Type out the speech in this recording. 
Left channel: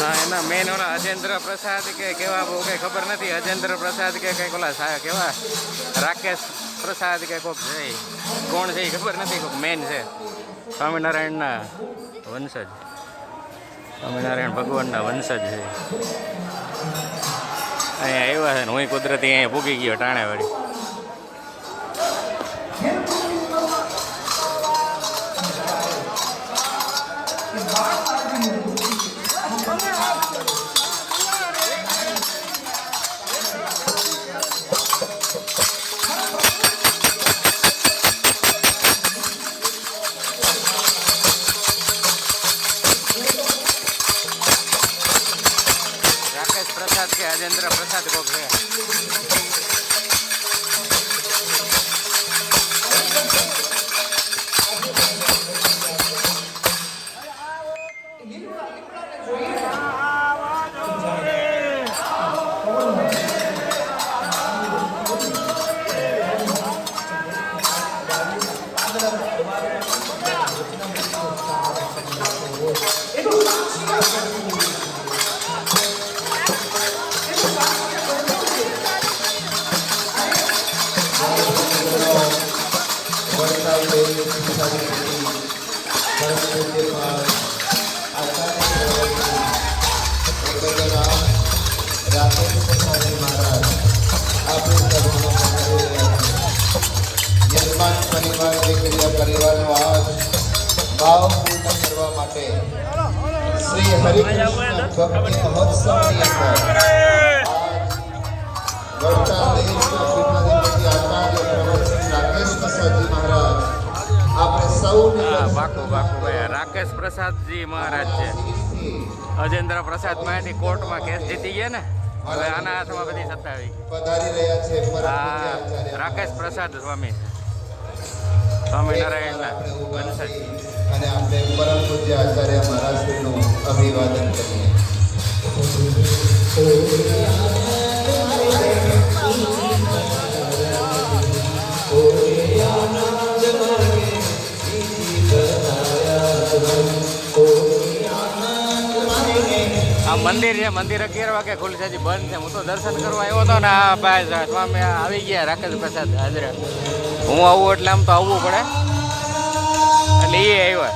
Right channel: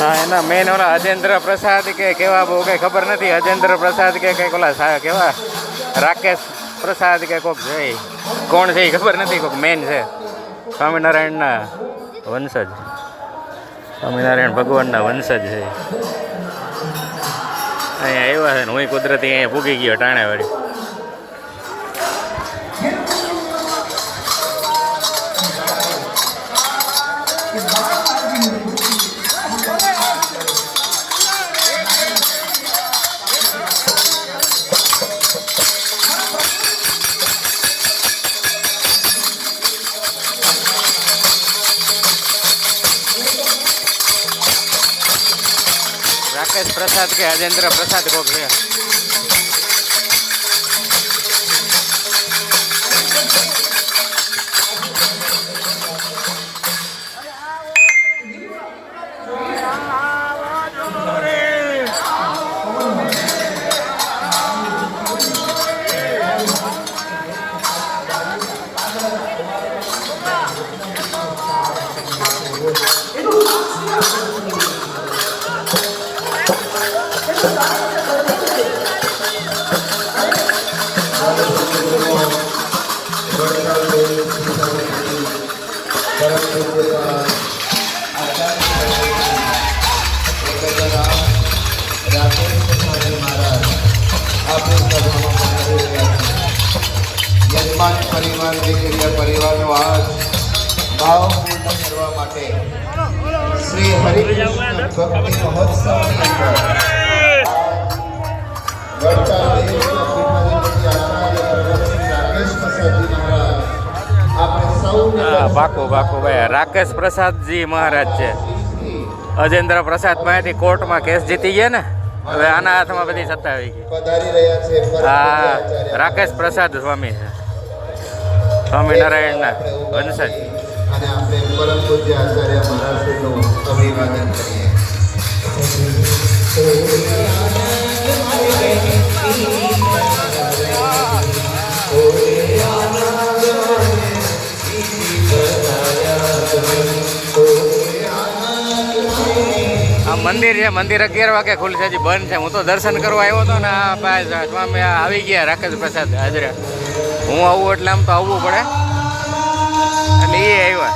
હા, એના મેન ઓલા અજેન્દ્ર પ્રસાદ કે કેવા બહુ કંઈ ખબર નથી. અજેન્દ્ર પ્રસાદ કે કંઈક ઓલા કેવા રાકેશ પ્રસાદ કે કોક છે, કોણ છે એ ખબર નથી. કોક મેન છે સ્વામિનારાયણના વંશજ, સ્વામિનારાયણ ભગવાનના વંશજ છે. અહીંયા આવ્યા છે ને હું કુદરતી અહીંયા ભૂગી ગયો ટાણે વાળી. રાકેશ પ્રસાદ કે અજેન્દ્ર પ્રસાદ કોક છે. પરિવારનો આજ ભાવ પૂર્ણ કરવા માટે શ્રી હરિકૃષ્ણ ભક્તિ મહોત્સવની અંદર બાકુ ભાઈ રાકેશ પ્રસાદજી મહારાજ છે. અજેન્દ્ર પ્રસાદ માંથી કોર્ટમાં કેસ જીતી ગયા ને, હવે આના હાથમાં બધી સત્તા આવી ગઈ. હા, રાકેશ પ્રસાદ સ્વામી છે, સ્વામિનારાયણના વંશજ. અને આપણે પરમ પૂજ્ય આચાર્ય મહારાજનું અભિવાદન કરીએ. આ મંદિર છે, મંદિર 11 વાગે ખુલશે, હજી બંધ છે. હું તો દર્શન કરવા આવ્યો હતો ને, આ ભાઈ સ્વામી આવી ગયા રાકેશ પ્રસાદ હાજરા. હું આવું એટલે આમ તો આવવું પડે, એટલે એ આવ્યા.